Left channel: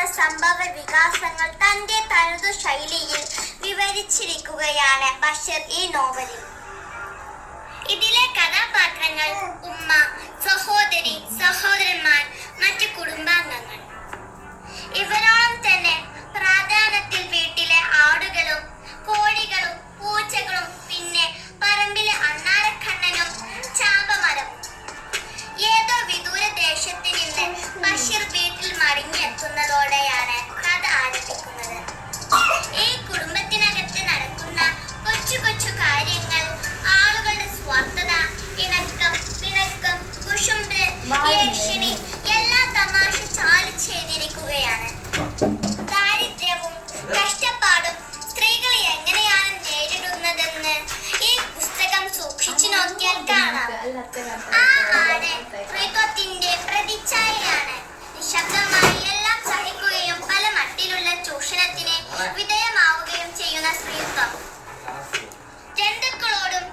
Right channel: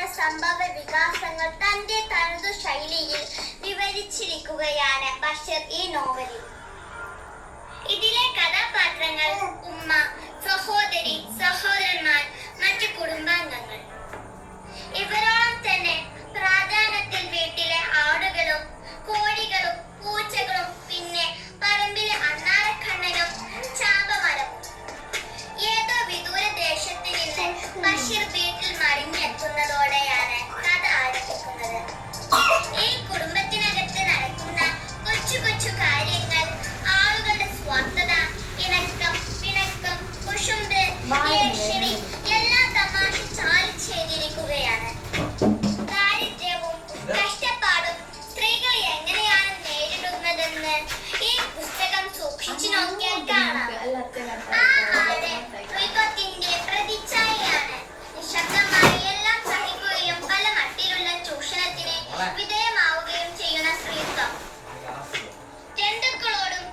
ജീവിതത്തിലെ സംഭവ വികാസങ്ങൾ തന്റെ തനതു ശൈലിയിൽ വിവരിച്ചിരിക്കുകയാണ് ബഷീർ ഈ നോവലിൽ. ഇതിലെ കഥാപാത്രങ്ങൾ ഉമ്മ, സഹോദരി, സഹോദരന്മാർ, മറ്റു കുടുംബാംഗങ്ങൾ. ഇവരോളം തന്നെ പ്രാധാന്യത്തിൽ വീട്ടിലെ ആടുകളും കോഴികളും പൂച്ചകളും പിന്നെ പറമ്പിലെ അണ്ണാരക്കണ്ണനും ചാമ്പമരം. ഏതോ വിദൂര ദേശത്ത് നിന്ന് ബഷീർ വീട്ടിൽ മടങ്ങിയെത്തുന്നതോടെയാണ് കഥ ആരംഭിക്കുന്നത്. ഈ കുടുംബത്തിനകത്ത് നടക്കുന്ന കൊച്ചു കൊച്ചു കാര്യങ്ങൾ, ആളുകളുടെ സ്വാർത്ഥത, പിണക്കം, കുശുമ്പ്, ഭീഷണി എല്ലാം തമാശ ചാലിച്ചെയ്തിരിക്കുകയാണ്. ദാരിദ്ര്യവും കഷ്ടപ്പാടും സ്ത്രീകൾ എങ്ങനെയാണ് നേരിടുന്നതെന്ന് ഈ പുസ്തകം സൂക്ഷിച്ചു നോക്കിയാൽ കാണാം. ആ ആട് ത്രിത്വത്തിന്റെ പ്രതിച്ഛായയാണ്. നിശബ്ദമായി എല്ലാം സഹിക്കുകയും പല മട്ടിലുള്ള ചൂഷണത്തിന് വിധേയമാവുകയും ചെയ്യുന്ന സ്ത്രീത്വം. ജന്തുക്കളോടും